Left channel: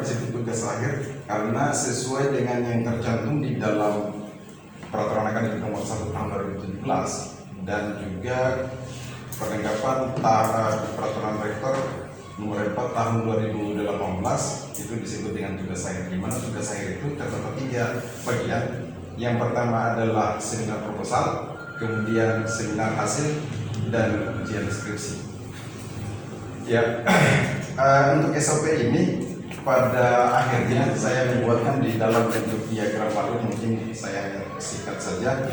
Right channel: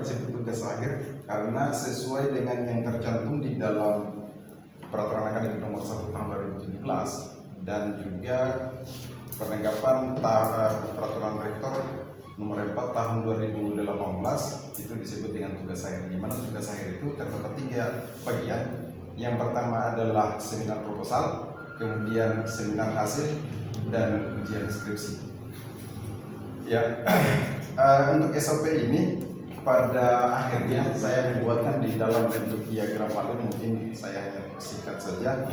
disebut tugas akhir karena sesuai dengan yang tercantum di dalam Peraturan Akademik Nomor 1 Tahun 2017 dan juga Perlengkapan Peraturan Rektor Nomor 4 Tahun 2018 itu disebut dengan tugas akhir. Di mana tugas akhir itu terdapat 3 bagian. Yang pertama adalah seminar proposal, kemudian seminar hasil, dan ujian deskripsi. Ya, untuk SOP ini pada akhirnya saya membuatkan di dalam bentuk diagram alur, mungkin saya hanya singkat saja.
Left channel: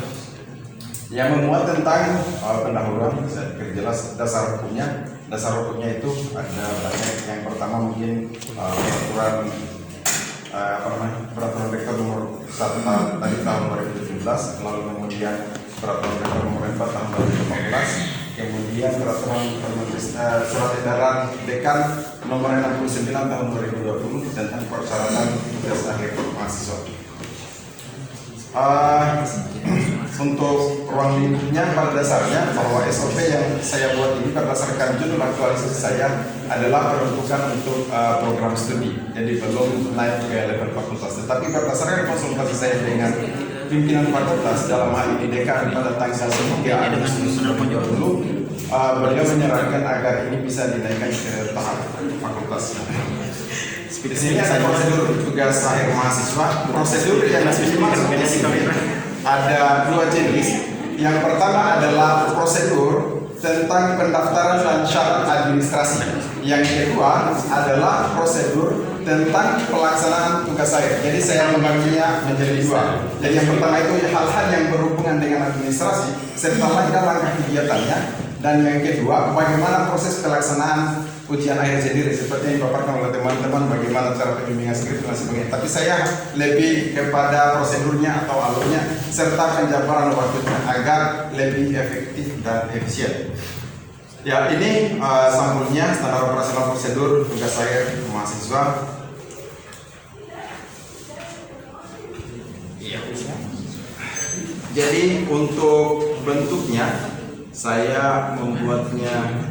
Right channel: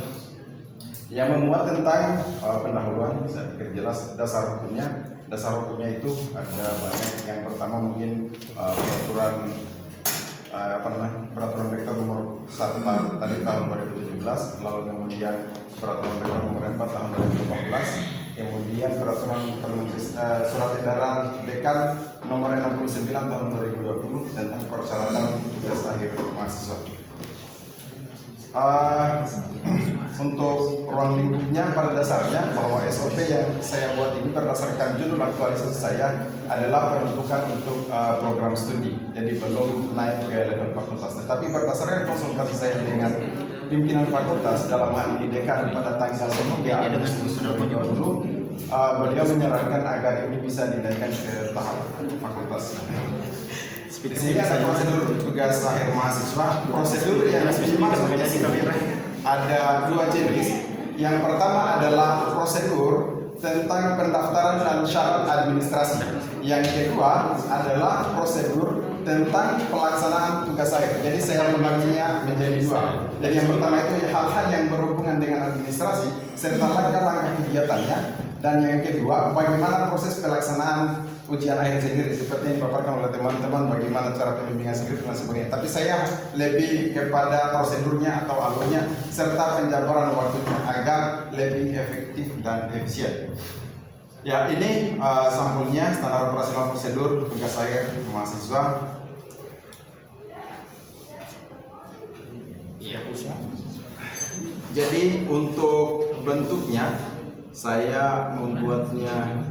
Yang memuat tentang pendahuluan, saya jelas dasar hukumnya. Dasar hukumnya itu ada banyak. Yang pertama mungkin peraturan rektor nomor 1 tahun 2017, lalu kemudian peraturan rektor nomor 4 tahun 2015. Kemudian peraturan surat edaran dekan nomor 69 tahun 2020 tentang persyaratan tugas akhir mahasiswa. Untuk ruang lingkupnya pada dasarnya bahwa SOP yang saya buat ini berdasarkan judul aktualisasi saya adalah peruntukan untuk program studi, jadi belum naik ke level fakultas. Tetapi berdasarkan konsultasi saya dengan pimpinan fakultas, dalam hal ini dekan pada tanggal 3 Agustus 2020, beliau menyarankan agar ini bisa dinaikkan ke tahap fakultas. Di sini ada prosedur tugas akhir mahasiswa. Prosedur yang dimaksud di sini ada 2 jenis. Yang pertama adalah prosedur tentang pendaftaran dan syarat administrasi. Yang kedua adalah prosedur tentang pelaksanaan tugas akhir. Jadi saya membaginya menjadi 2. Jadi yang pertama itu hal-hal yang berhubungan dengan administrasi serta langkah-langkah kegiatannya. Dan yang kedua, bagaimana proses pelaksanaan ujian akhir sendiri, seperti yang dipaparkan oleh teman-teman, bagaimana cara pembimbingan skrip dan sebagainya. Tapi saya lebih kepada prosedurnya atau alurnya serta penjabaran waktunya agar lebih efektif dan efisien. Ya, ini sampulnya standar operasional prosedur tugas akhir mahasiswa. Jadi untuk bentuknya saya membuatnya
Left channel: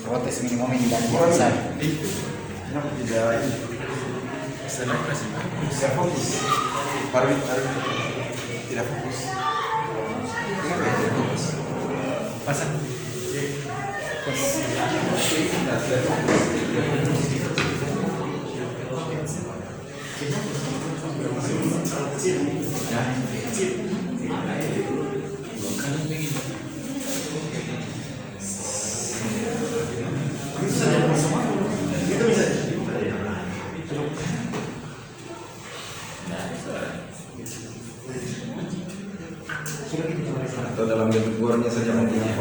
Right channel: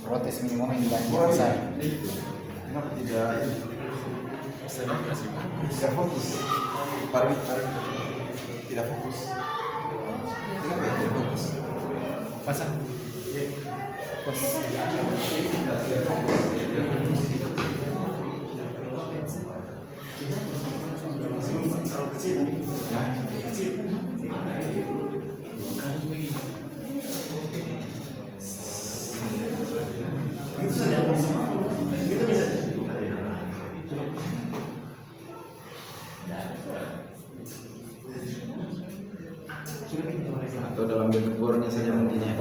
protes minimum ini dan bisa tidak fokus. Tidak fokus. Pasang. Atau dalam bentuk bornya saja nantinya.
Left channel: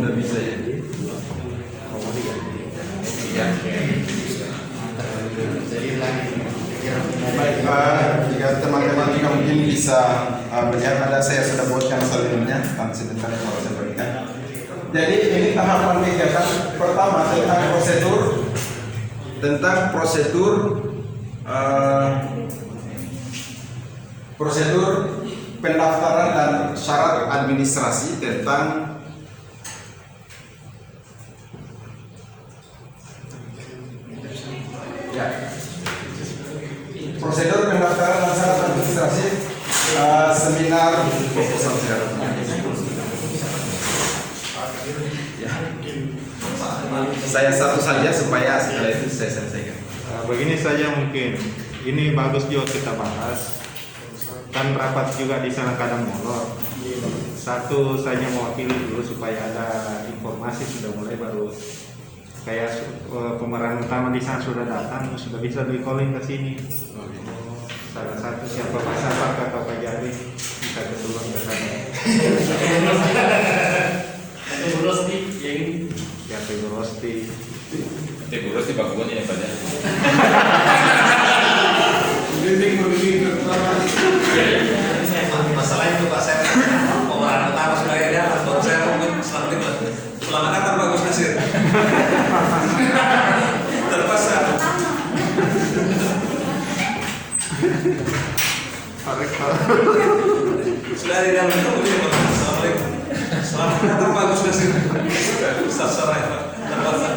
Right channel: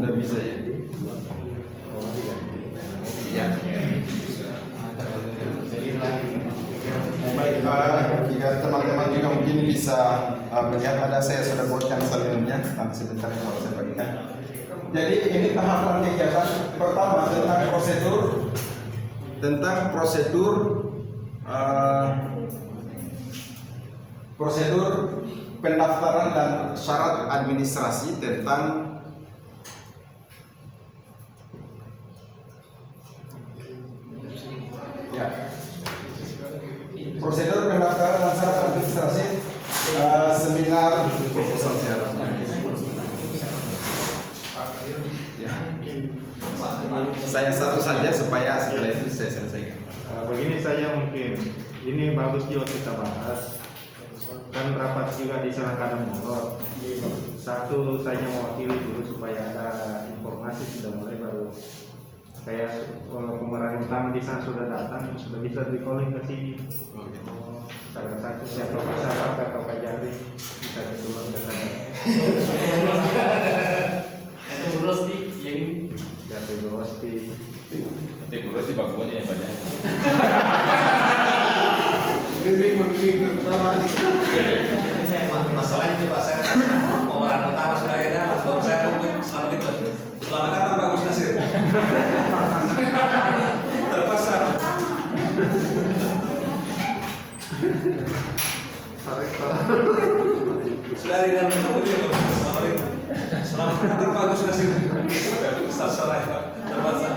Udah bisa ya? Baik, jika teman-teman juga mungkin bisa melihat ada saya sudah buatkan salurnya, nanti sebentar kalau saya berikan. Jadi ini tahapan kegiatan pertama tentang prosedur pendaftaran dan syarat administrasi tentang prosedur pendaftaran dan syarat administrasi seminar proposal. Saya satu saja supaya saya selesaikan. Begini saja mungkin, ini bagus juga kita bahas. Kan rapat juga di sana kadang molor. Satu saja mewakili dulu supaya ada informasi sudah mulai, baru kayak pemeran utama di sana sudah datang, sudah bisa di calling ke sini. Salah satu siapa atau Pak Jari bisa keluar ke sana. Ibu Rosti yang Siapa Ibu Rosti? Ibu Rosti baguannya yang banyak. masalah itu Pak, saya pemeran utama sudah ada, saya mungkin selama ini Terpaksa. Pak Rektor. Sudah di dalam itu begitu. Soalnya bagus di sini. Ustaz Sorai terpaksa.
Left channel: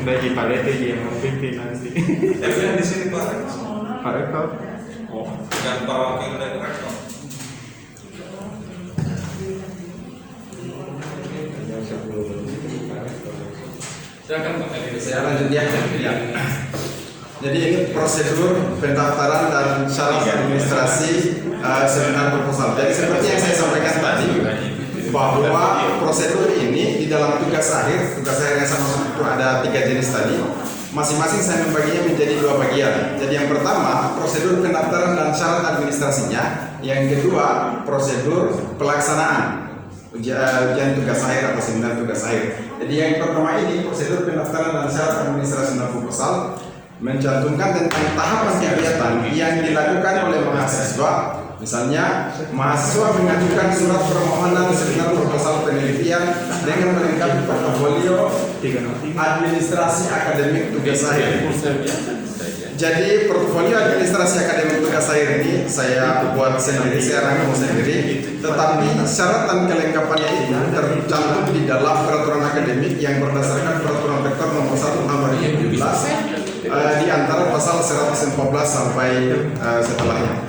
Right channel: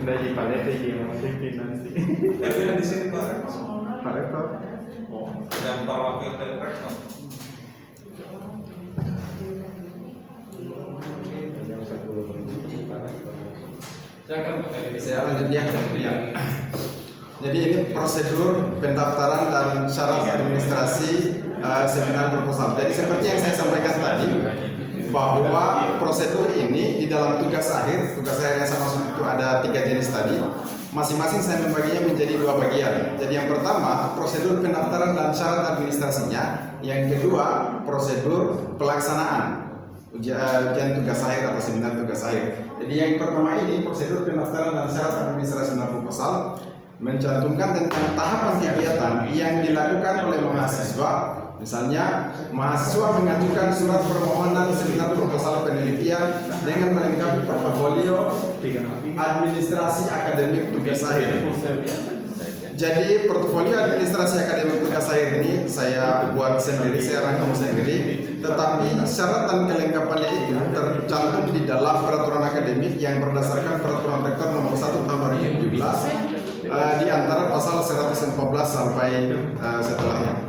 Udah Ji Palete Ji yang memimpin nanti. Tapi yang di sini Pak. Pak Rektor. Oh, dan Pak Wakil dari Rektor. Silakan Pak Kali. Saya lanjut ya. Jadi ini prosedur pendaftaran dan syarat administrasi seminar proposal. Jadi seperti yang saya sampaikan tadi, bahwa prosedur ini di dalam tugas akhir yang sama itu ada 3 jenis tadi. Masing-masing saya membaginya menjadi 2 bagian. Jadi yang pertama prosedur pendaftaran dan syarat administrasinya, yang kedua prosedur pelaksanaan ujian tugas akhir atau seminar tugas akhir. Jadi yang pertama ini prosedur pendaftaran dan syarat administrasi dan proposal mencantumkan tentang tahapan kegiatan yang dilakukan oleh mahasiswa. Misalnya, mahasiswa mengajukan surat permohonan seminar proposal penelitian dengan melengkapi portofolio administrasi akademik tugas akhir. Jadi portofolio administrasi akademik tugas akhir ini saya buat sendiri, saya rangkum sendiri. Tetapi syarat dan kelengkapannya itu tercantum di dalam peraturan akademik yang berdasarkan peraturan rektor nomor 1 tahun 2017 di antara pasal 114 sampai setelahnya.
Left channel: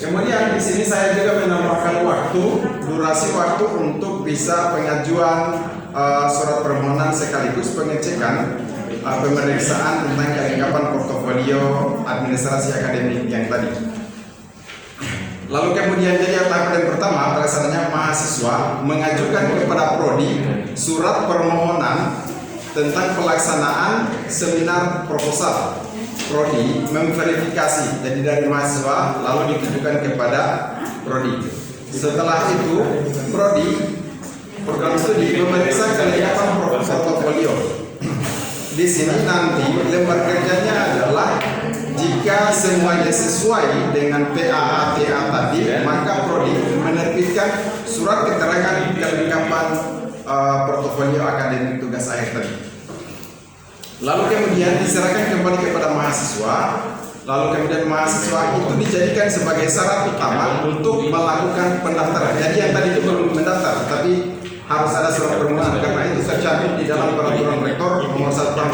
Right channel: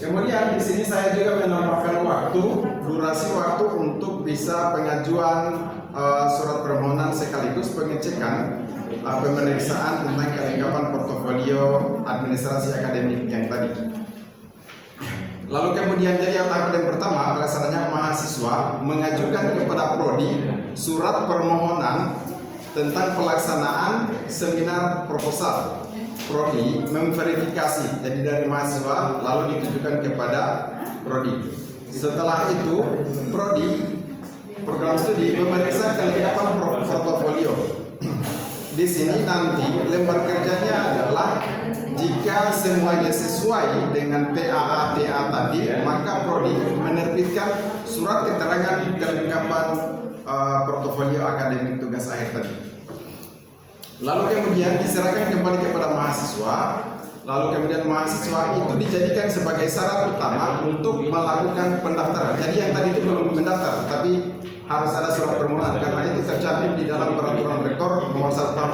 Kemudian di sini saya juga menambahkan durasi waktu untuk bisa pengajuan surat permohonan sekaligus pengecekan pemeriksaan tentang kelengkapan portofolio administrasi akademik yang tadi. Lalu kemudian jadi tahap yang pertama pelaksananya mahasiswa mengajukan kepada prodi surat permohonan tentang pelaksanaan seminar proposal. Prodi memverifikasi, jadi dari mahasiswa lalu ditujukan kepada prodi. Setelah itu prodi program studi memeriksa kelengkapan proposal portfolio. Di sini nanti lembar kerjanya adalah jika semuanya sesuai dengan PAA-TA tadi, maka prodi menerbitkan surat keterangan kelengkapan portofolio akademik tugas akhir tadi. Lalu kemudian diserahkan kembali kepada mahasiswa. Lalu kemudian mahasiswa itu dijadikan sebagai syarat utama untuk melakukan pendaftaran. Jadi yang tadi itu belum mendaftar, tapi harus ada surat permohonan karena itu tercantum di dalam peraturan rektor nomor 1 tahun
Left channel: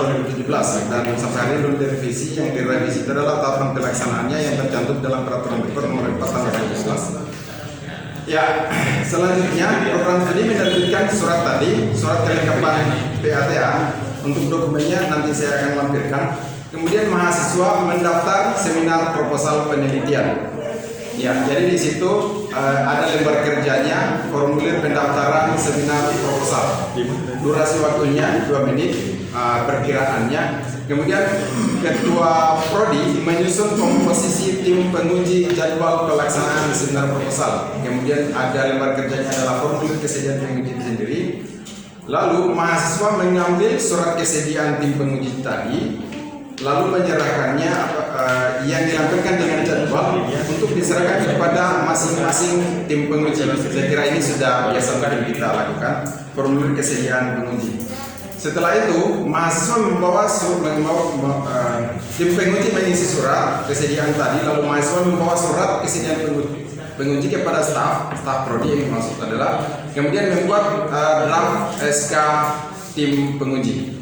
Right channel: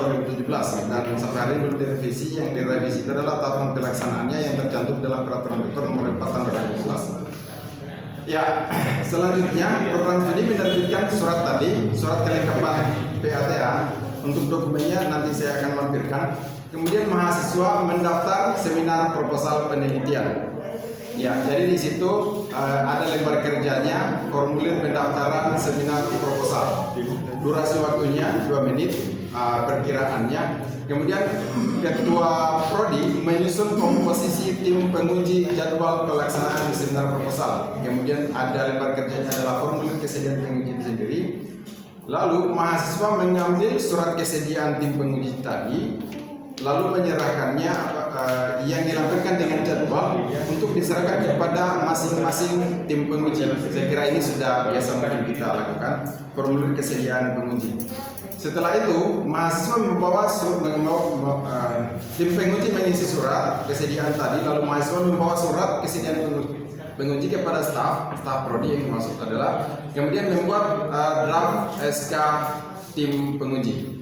2017 dan sampai hari ini belum direvisi. Yang direvisi adalah tatanan pelaksanaannya yang tercantum dalam peraturan rektor nomor 4 tahun 2011. Ya, selanjutnya program tadi menerbitkan surat tadi, surat kelengkapan PATA. Untuk dokumennya nanti saya akan lampirkan. Kemudian mahasiswa mendaftar seminar proposal penelitian. Ya, jadi di situ ada lembar kerjanya, formulir pendaftaran seminar proposal. Durasi waktunya 2 menit, perkiraannya. Kemudian ketua prodi menyusun komposisi tim penguji jadwal pelaksanaan seminar proposal. Kemudian ada lembar kerjanya adalah formulir kesediaan penguji sendiri. Lalu mahasiswa mengambil surat kesediaan tim penguji tadi, lalu menyerahkannya yang dilampirkan dengan jadwal untuk diserahkan kepada masing-masing tim penguji. Saya kira ini sudah biasa kita lakukan, formulir kesediaan penguji. Setelah itu mahasiswa membawa tim penguji mengisi surat kesediaan tadi, lalu mahasiswa membawa surat kesediaan penguji kepada staf prodi yang dimaksud adalah kemudian membuat draft SK tim penguji.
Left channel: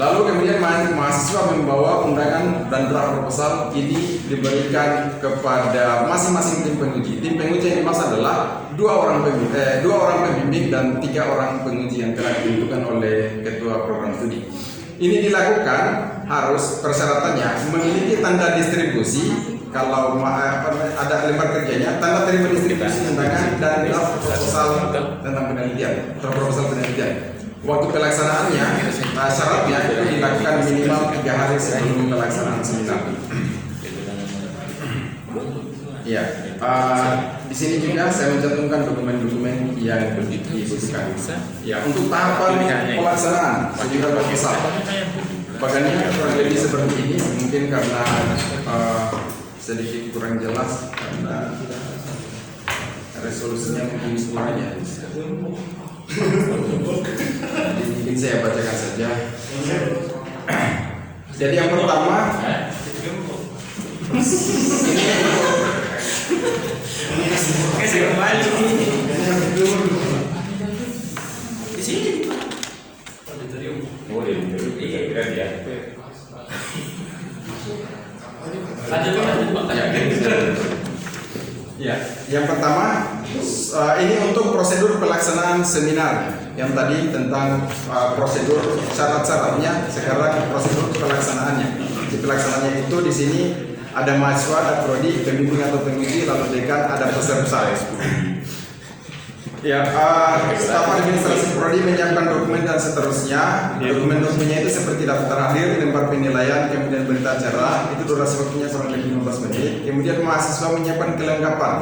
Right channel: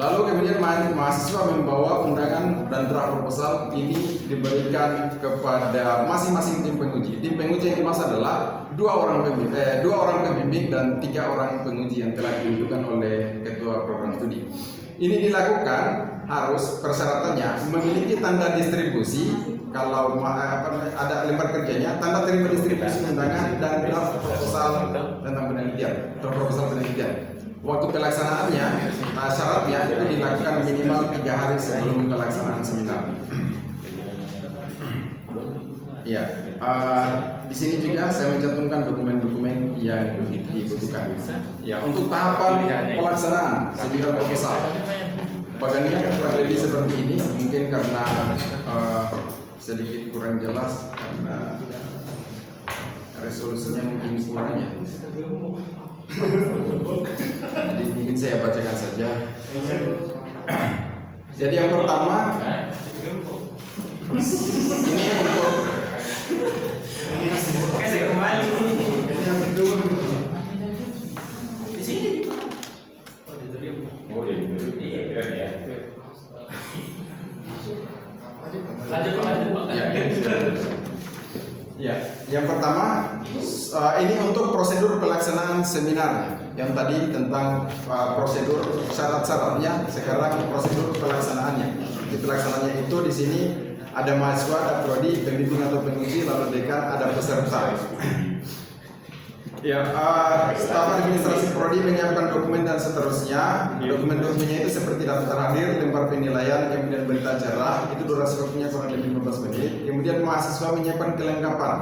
Lalu kemudian mahasiswa membawa undangan dan draft proposal ini diberikan kepada masing-masing tim penguji. Tim penguji yang dimaksud adalah 2 orang pembimbing dan 3 orang penguji yang telah ditentukan oleh ketua program studi. Ini dilakukan harus persyaratannya memiliki tanda distribusi. Kalau ada lembar kerjanya, tanda terima distribusi undangan dan draft proposal tentang penelitian, proposal penelitian. Waktu pelaksanaannya, syaratnya dilakukan minimal 3 hari sebelum pelaksanaan seminar. Iya, di sini juga saya mencantumkan dokumen-dokumen yang dibutuhkan. Ya, untuk tahapan pelaksanaan seminar proposal, bagannya kurang lebih seperti ini. Mungkin karena sedikit kurang jelas karena resolusi seterusnya mungkin semuanya. Mungkin saya bacakan saja. Jadi yang pertama, Di sini. Oh, dia kira dia. Lanjut Pak. ya, yang pertama ini untuk prosedur pelaksanaan seminar yang tadi tentang prosedur syarat-syaratnya. Sekarang prosedur pelaksanaannya. Pelaksanaannya itu di sini ada mahasiswa, ada prodi, pembimbing atau penguji, lalu dekan, ada peserta. Ya, staf administrasi prodi menyiapkan dokumen dan seterusnya. Dokumen-dokumennya itu seperti daftar hadir, lembar penilaian, kemudian berita acara. Itu durasi waktunya kurang lebih 15 menit. Kemudian mahasiswa menyiapkan kelengkapan.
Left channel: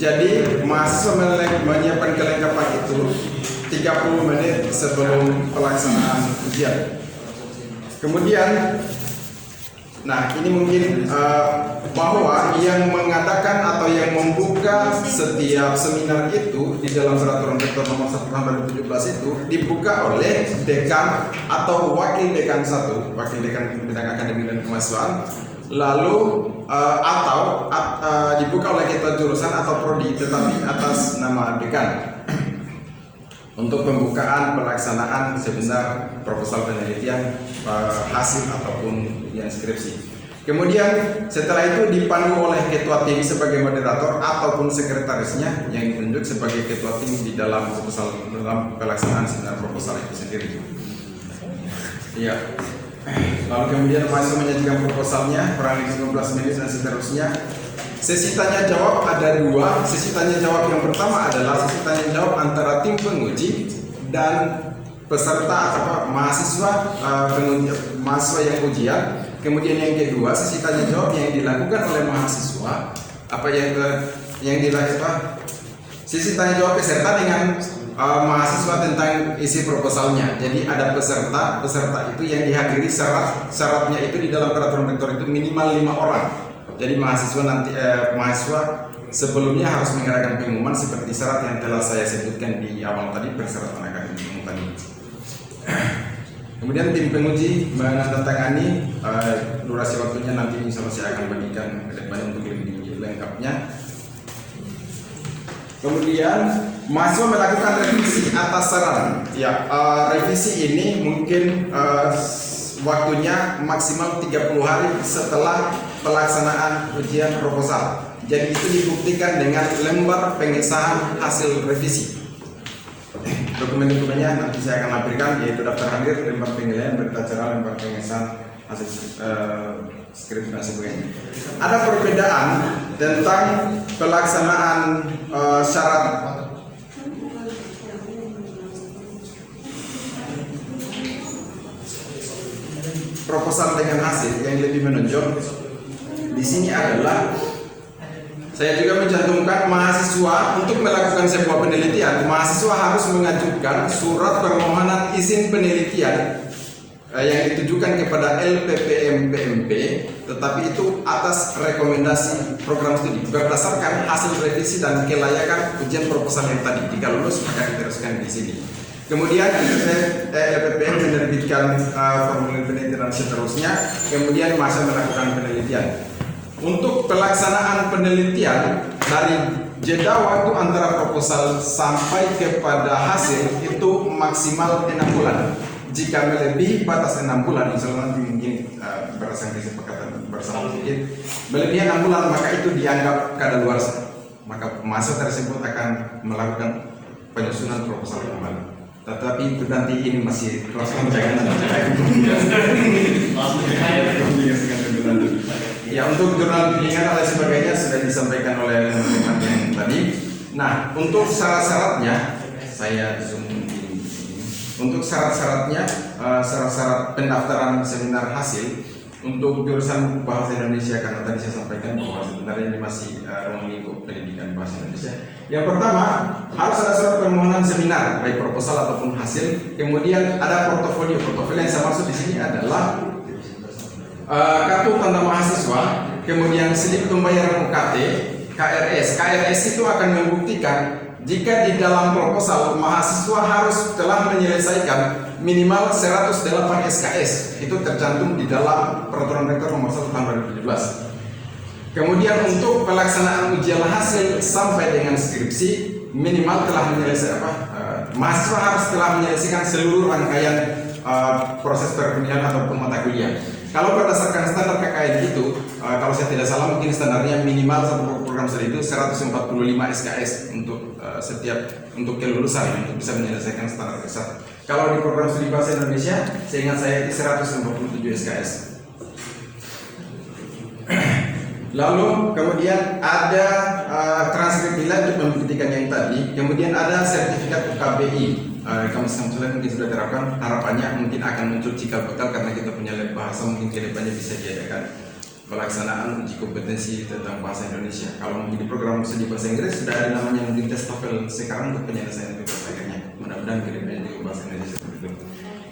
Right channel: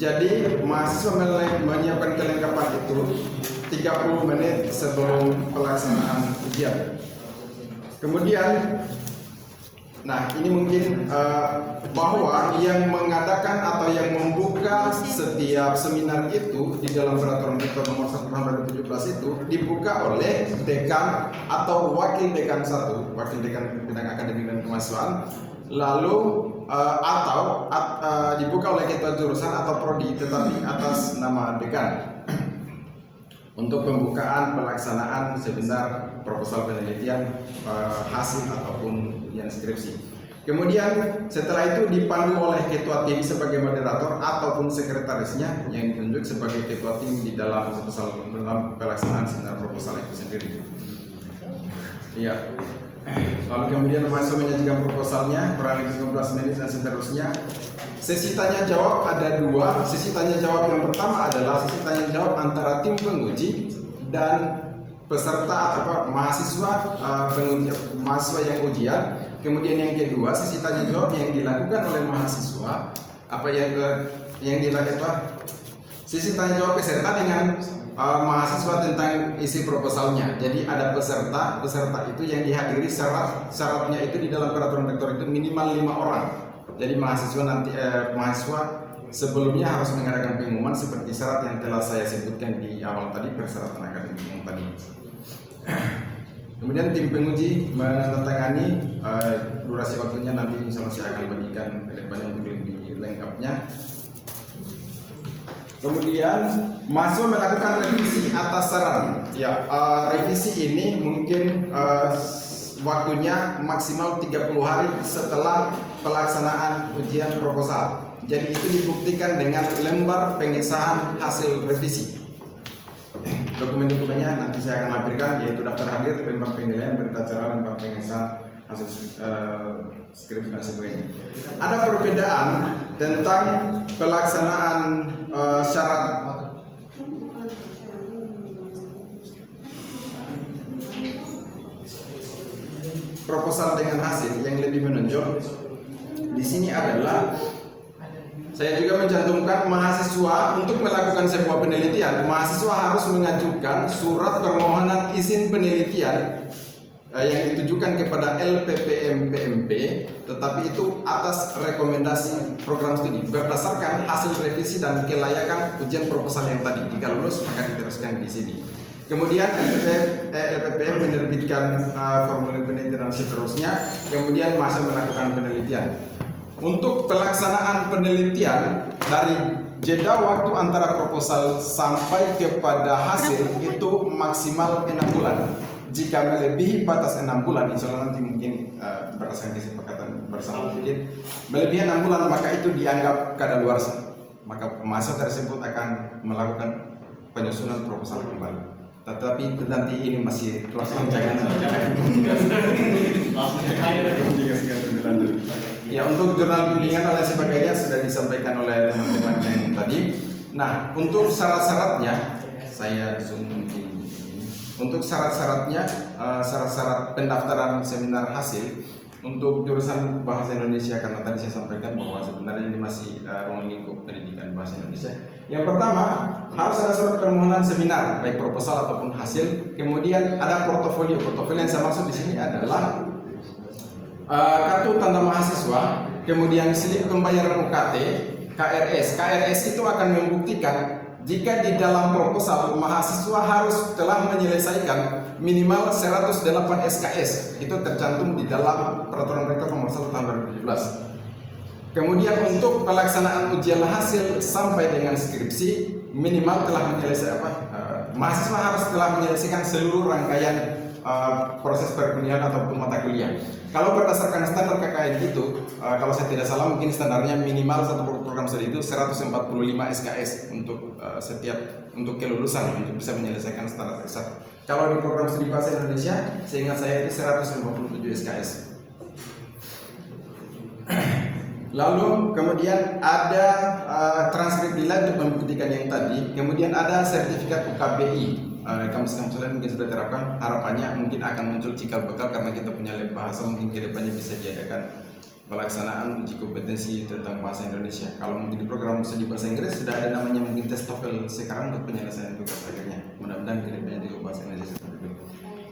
Jadi mahasiswa menyiapkan kelengkapan itu 30 menit sebelum pelaksanaan ujian. Kemudian, nah ini mungkin bahwa yang mengadakan atau yang membuka setiap seminar itu di dalam peraturan rektor nomor 1 tahun 2017 itu dibuka oleh dekan atau wakil dekan 1, wakil dekan bidang akademik dan kemahasiswaan, lalu atau dibuka oleh ketua jurusan atau prodi tetapi atas nama dekan untuk pembukaan pelaksanaan seminar proposal penelitian hasil ataupun ujian skripsi. Kemudian setelah itu dipandu oleh ketua tim sebagai moderator ataupun sekretarisnya yang ditunjuk sebagai ketua tim di dalam pelaksanaan seminar proposal itu sendiri. Ya. Lalu kemudian mahasiswa menyajikan proposalnya kurang lebih 15 menit dan seterusnya. Sesi tanya jawab ada 2. Sesi tanya jawab yang pertama adalah sesi tanya jawab antara tim penguji dan peserta atau mahasiswa mahasiswa yang ujian. Kemudian yang kedua, sesi tanya jawab yang dilakukan oleh mahasiswa, yang dilakukan sesi tanya jawab peserta dengan mahasiswa tentang isi proposalnya. Jadi ada peserta itu yang dihadiri syaratnya itu di dalam peraturan rektor itu minimal 5 orang. Jadi mahasiswa sebelumnya harus menyerahkan pengumuman seperti syarat yang telah saya sebutkan di awal tadi, persyaratan akademik tadi. Kemudian tim penguji menandatangani durasi waktunya nanti insya Allah saya akan bagikan ke depan untuk lebih lengkapnya. Kemudian mahasiswa melakukan revisi atas saran. Ya, revisi ini mungkin waktunya maksimal 30 hari setelah pelaksanaan ujian proposal. Jadi itu dibuktikan dengan lembar pengesahan hasil revisi. Dokumen-dokumennya nanti saya akan lampirkan, yaitu daftar hadir, lembar penilaian, berita acara, lembar pengesahan hasil skripsi dan sebagainya. Ada perbedaan tentang pelaksanaan syarat proposal dengan hasil yang lebih menonjol. Di sini adalah saya juga mencantumkan mahasiswa untuk melakukan sebuah penelitian, mahasiswa harus mengajukan surat permohonan izin penelitian yang ditujukan kepada LPPM PMP, tetapi itu atas rekomendasi program studi berdasarkan hasil revisi dan kelayakan ujian proposal yang tadi. Jika lulus maka diteruskan di sini. Kemudian LPPM menerbitkan formulir penelitian dan seterusnya. Kemudian mahasiswa melakukan penelitian. Untuk pelaksanaan penelitian dari jeda waktu antara proposal sampai kepada hasil itu maksimal 6 bulan. Jika melebihi batas 6 bulan, insya Allah nanti mungkin berdasarkan kesepakatan bersama sedikit melebihi 6 bulan, maka itu dianggap kadaluarsa. Maka mahasiswa tersebut akan melakukan penyusunan proposal kembali. Tetapi itu nanti ini masih proses pencegahan. Ya, untuk jurnal bimbingan dan sebagainya sudah disampaikan oleh teman-teman yang tadi. Nah, untuk syarat-syaratnya saya untuk syarat-syaratnya syarat-syarat pendaftaran seminar hasil untuk jurusan bahasa Indonesia, karena tadi saya sampaikan bahwa sebenarnya ini masih lingkup pendidikan bahasa Indonesia. Yang pertama, harus ada surat permohonan seminar baik proposal ataupun hasil. Kemudian ada portofolio. Portofolio yang saya maksud di sini adalah kartu tanda mahasiswa, kemudian slip pembayaran UKT, KRS itu akan membuktikan jika di dalam proposal mahasiswa harus telah menyelesaikan minimal 108 SKS. Itu tercantum di dalam Peraturan Rektor Nomor 1 Tahun 2017. Kemudian untuk pelaksanaan ujian hasil sampai dengan skripsi minimal telah menyelesaikan mahasiswa harus telah menyelesaikan seluruh rangkaian proses perkuliahan ataupun mata kuliah. Kalau berdasarkan standar KKN itu, kalau saya tidak salah mungkin standarnya minimal satu program studi itu 145 SKS untuk untuk kelulusan untuk bisa menyelesaikan standar S1. Kalau di program studi bahasa Indonesia, seingat saya itu 147 SKS. Lalu kemudian ada transkrip nilai untuk membuktikan yang tadi. Kemudian ada sertifikat UKBI. Kampus-kampus lain mungkin sudah terapkan. Harapannya mungkin akan muncul cikal bakal karena kita punya lab bahasa, mungkin kedepannya bisa diadakan pelaksanaan uji kompetensi tentang bahasa Indonesia. Kalau mungkin di program studi bahasa Inggris sudah ada namanya mungkin tes TOEFL sekarang untuk penyelesaian tugas akhirnya. Mudah-mudahan kedepannya juga bahasa Indonesia seperti itu.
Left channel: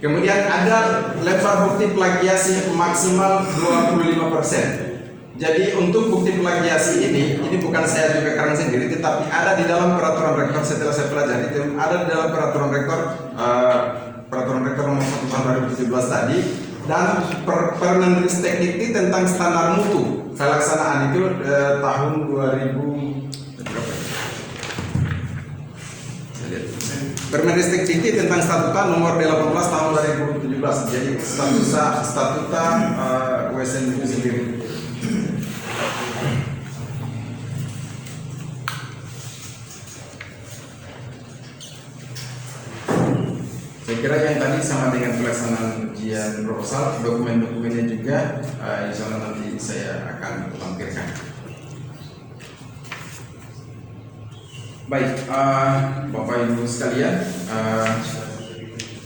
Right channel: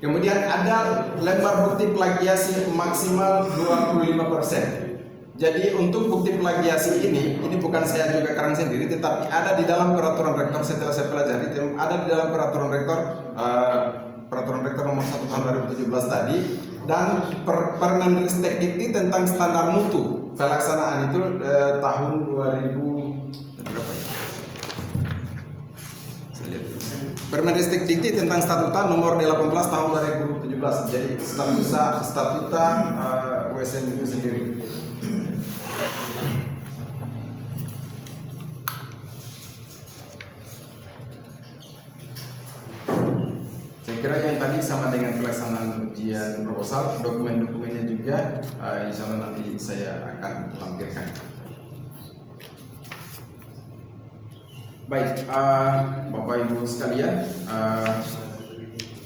Kemudian ada lembar bukti plagiasi maksimal 25%. Jadi untuk bukti plagiasi ini bukan saya juga karang sendiri, tetapi ada di dalam peraturan rektor. Setelah saya pelajari itu ada di dalam peraturan rektor nomor 1 tahun 2017 tadi, dan Permendikbud Dikti tentang standar mutu pelaksanaan itu tahun 2000 Permendikbud Dikti tentang statuta nomor 18 tahun 2017. Jadi statuta USN itu sendiri. Saya kira yang tadi sama dengan pelaksanaan ujian proposal, dokumen-dokumennya juga insya Allah nanti saya akan lampirkan. Baik, Bapak Ibu sekalian,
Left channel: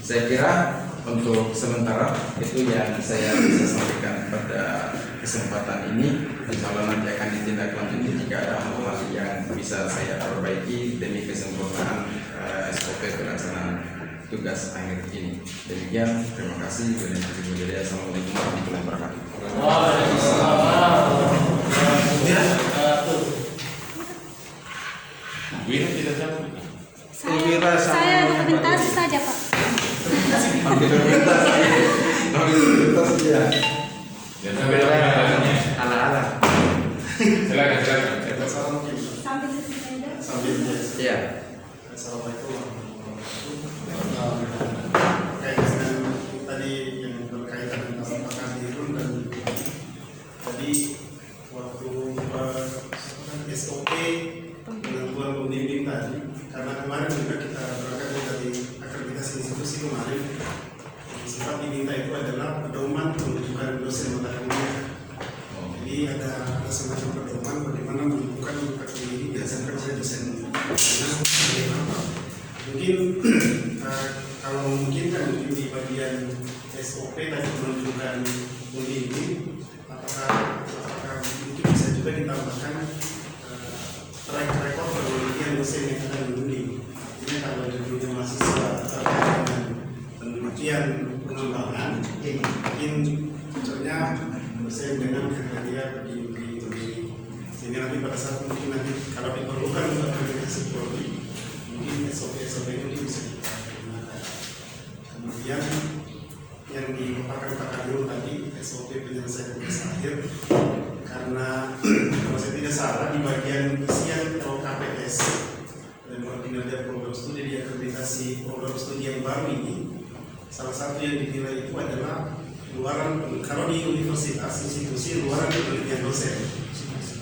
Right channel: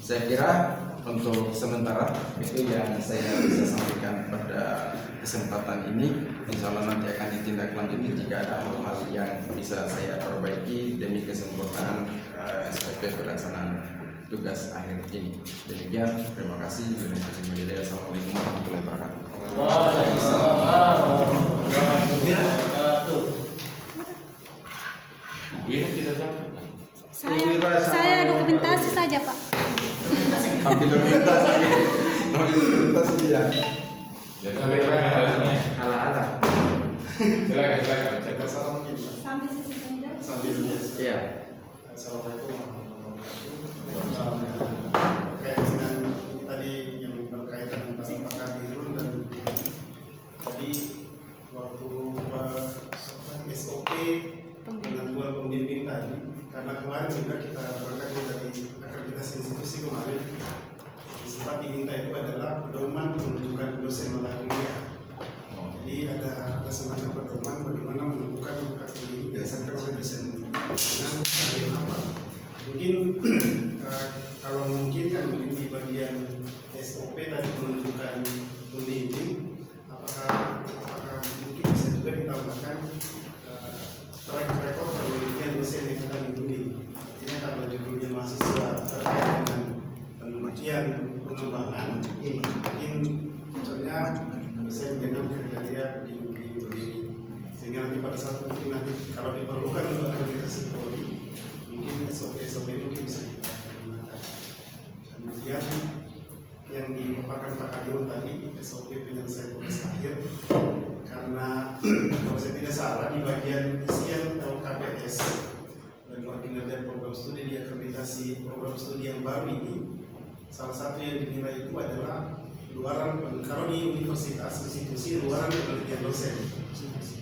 saya kira untuk sementara itu yang saya bisa sampaikan pada kesempatan ini. Insya Allah nanti akan ditindaklanjuti jika ada hal-hal yang bisa saya perbaiki demi kesempurnaan SOP pelaksanaan tugas akhir ini. Demikian, terima kasih. Assalamualaikum warahmatullahi wabarakatuh. Saya dokumentasi saja, Pak. Ala-ala. Silakan. Iya. Assalamualaikum warahmatullahi wabarakatuh. Tadi yang berkaitan dengan Pak Kadirun dan tadi waktu SOP penentuan pembimbing tadi, karena kemarin juga kita berangkat dari akreditasi institusi kemarin, sempat diminta itu adalah pedoman penunjukan dosen mata kuliah. Jadi ada semacam pedoman bagaimana menentukan akreditasi ini biasanya kerja dosen. Mungkin kalau memungkinkan mungkin di bagian SOP tadi menunjukkan pembimbing, apakah mungkin bisa juga ditambahkan track record penelitian dosen yang akan membimbing. Ini kalau judulnya mahasiswa terkait dengan penelitian pengembangan, mungkin contohnya dosen dengan kriteria begini. Sehingga nanti pada saat mungkin nanti kalau diperlukan untuk akreditasi prodi, mungkin SOP ini bisa kita gunakan. Kemudian yang dipaparkan Pak Kadirun tadi SOP penyelesaian tugas akhir, karena kalau saya tidak salah di bagian isian KPS dan kinerja program studi di akreditasi program studi yang baru ini, salah satu yang dinilai itu adalah luaran, kalau di universitas institusi luaran penelitian dosen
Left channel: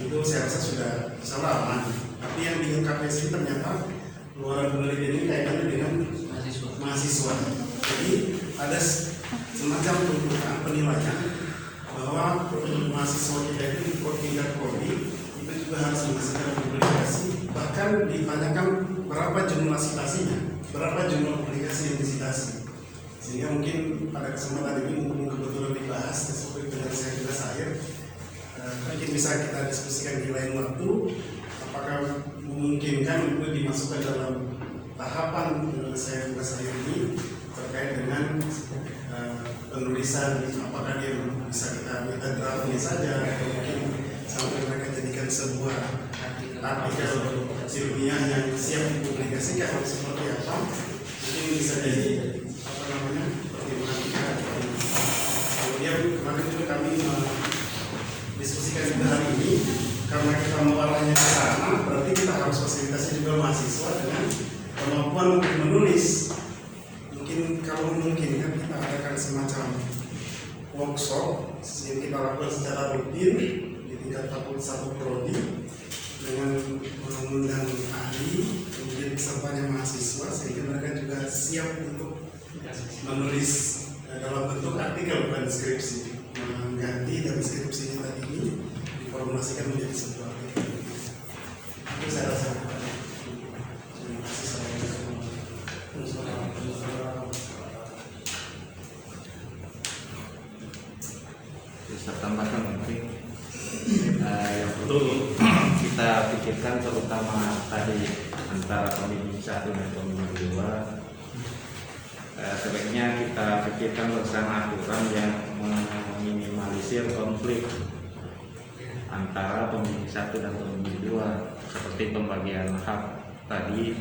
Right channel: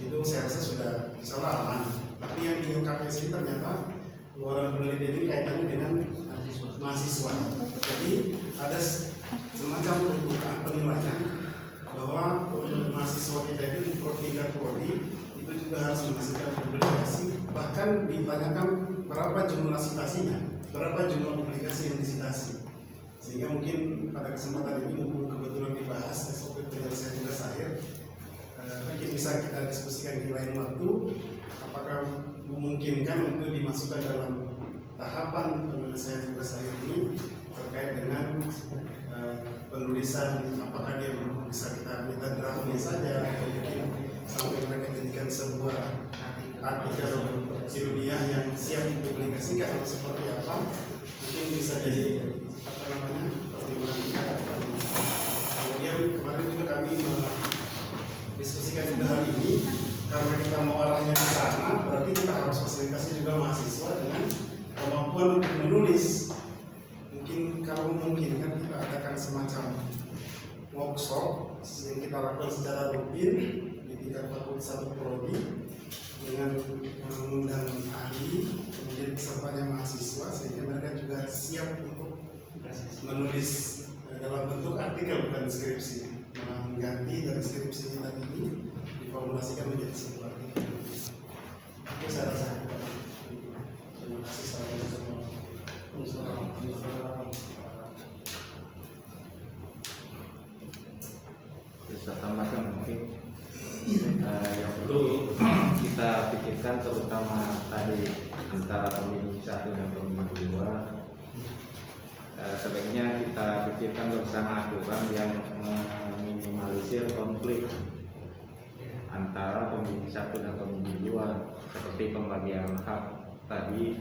itu saya rasa sudah salah aman. Tapi yang di KPS ini ternyata luaran penelitian ini kaitannya dengan mahasiswa. Jadi ada semacam tuntutan penilaian bahwa mahasiswa kita itu di tingkat prodi itu juga harus menghasilkan publikasi, bahkan ditanyakan berapa jumlah citasinya, berapa jumlah publikasi yang disitasi. Sehingga mungkin pada kesempatan ini mumpung kebetulan dibahas SOP penyelesaian tugas akhir, mungkin bisa kita diskusikan di lain waktu, apakah memungkinkan untuk dimasukkan dalam tahapan penyelesaian tugas akhir ini terkait dengan penulisan, apakah dia bisa kita minta draftnya saja atau mungkin sampai mereka jadikan sebuah artikel ilmiah yang siap dipublikasikan seperti apa, mungkin bisa jadi pertimbangan kita. Kemudian kemarin juga kami diskusikan juga hari ini, karena kita mau arahnya ke sana, berarti kita harus fasilitasi juga mahasiswa dengan kemampuan untuk menulis. Mungkin kalau memungkinkan kita adakan semacam workshop yang kita lakukan secara rutin di tingkat fakultas atau prodi dengan mengundang ahli, kemudian pesertanya mahasiswa, sehingga mereka juga siap untuk menulis dalam bentuk artikel bukan skripsi, mengganti dari skripsinya tadi ini diformulasikan menjadi sebuah artikel. Itu saya rasa. Terima kasih. Bisa tambahkan mungkin yang perlu kita pikirkan terutama tadi antara pembimbing 1 dan pembimbing 2, sebaiknya kita pikirkan bersama aturan yang meminimalisir konflik antara pembimbing 1 dan pembimbing 2, seperti pembagian hak tadi.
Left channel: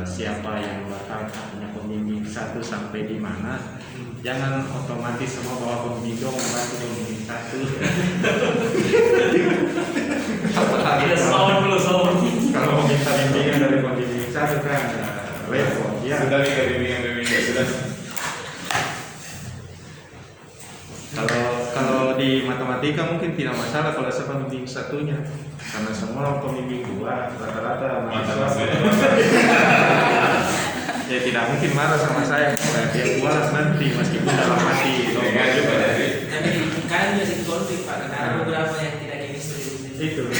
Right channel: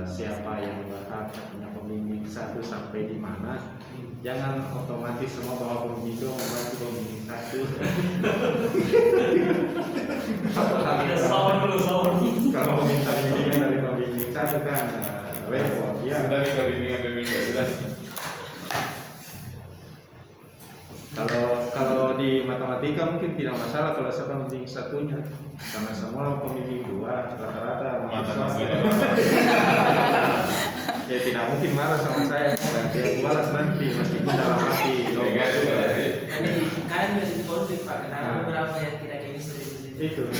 Siapa yang berhak, haknya pembimbing 1 sampai di mana. Jangan otomatis semua bahwa pembimbing 2 membantu pembimbing 1. Kalau mau minta bimbingan dari pembimbing 1 kan repot ya. Sudah minta bimbingan sudah. Kalau di matematika mungkin tidak masalah kalau siapa pembimbing 1-nya, karena semua pembimbing 2 rata-rata mahasiswa. Ya tidak mungkin marah sama saya, dia kualas nanti meskipun dalam hati normal juga. Tapi kan jadi konflik Pak, karena ada beberapa yang tidak chemistry di sini. Itu.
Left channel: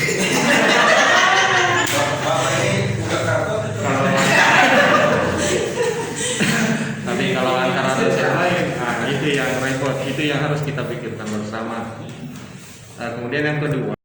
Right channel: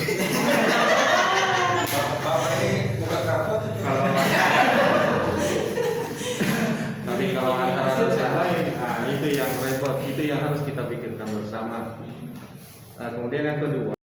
Bapak ini buka kartu. Tapi kalau antara dosen lain, nah itu yang repot, itu yang harus kita pikirkan bersama. Kemudian yang kedua.